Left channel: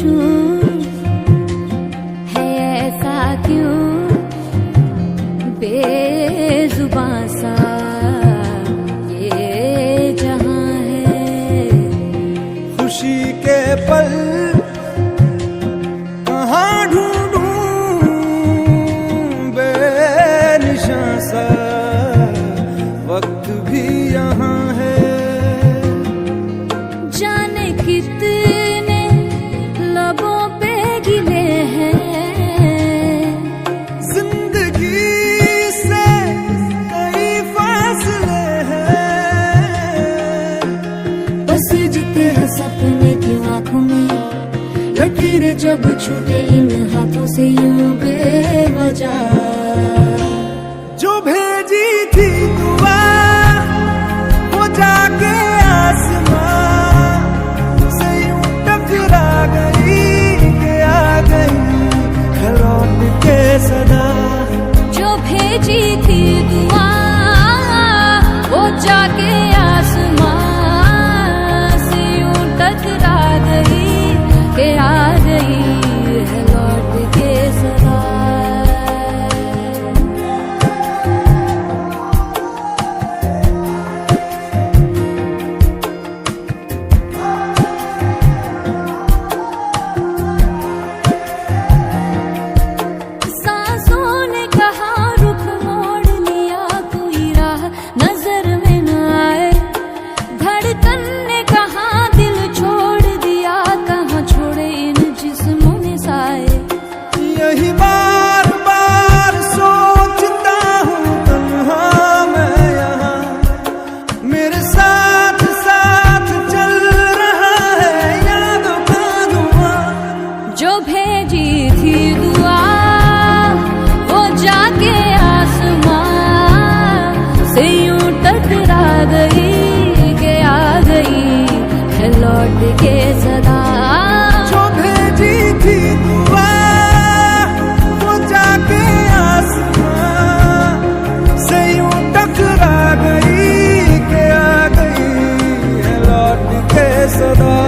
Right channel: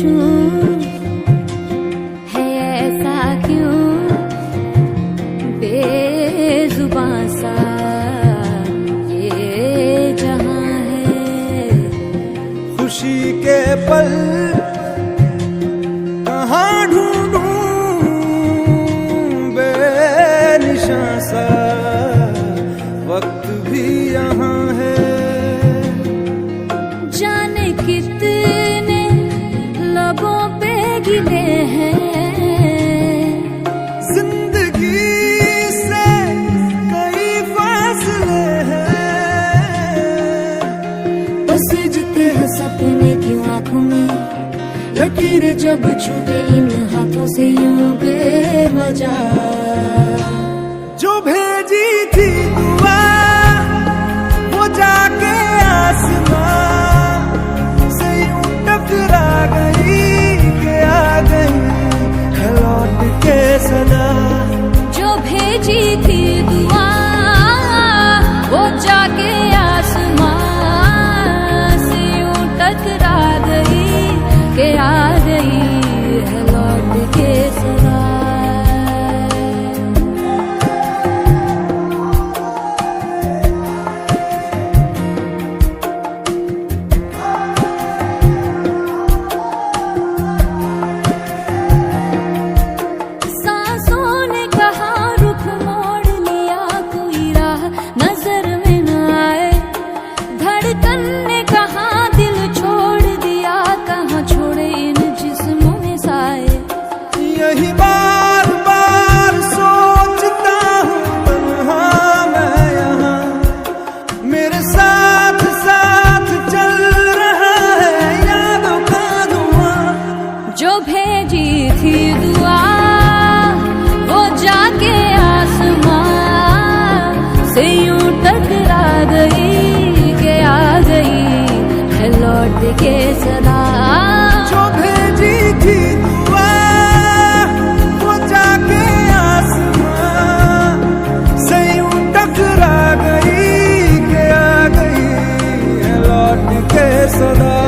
पूछूं है ऐसा क्यों बेजुबां सा ये जहां है। खुशी के पल कहाँ ढूंढूं बेनिशां सा वक्त भी यहाँ है। जाने कितने लबों पे गिले हैं जिंदगी से कई फासले हैं। पसीजते हैं सपने क्यों आंखों में लकीरें जब छूटे इन हाथों से यूं बेवजह। जो भेजी थी दुआ वो जाके आसमां से यूं टकरा गई कि आ गई है लौट के सदा। जो भेजी थी दुआ वो जाके आसमां से यूं टकरा गई कि आ गई है लौट के सदा। यही बार बार सोचता हूँ तन्हा मैं यहाँ मेरे साथ साथ चल रहा है यादों का धुआं। जो भेजी थी दुआ वो जाके आसमां से यूं टकरा गई कि आ गई है लौट के सदा। जो भेजी थी दुआ वो जाके आसमां से यूं टकरा गई कि आ गई है लौट के सदा।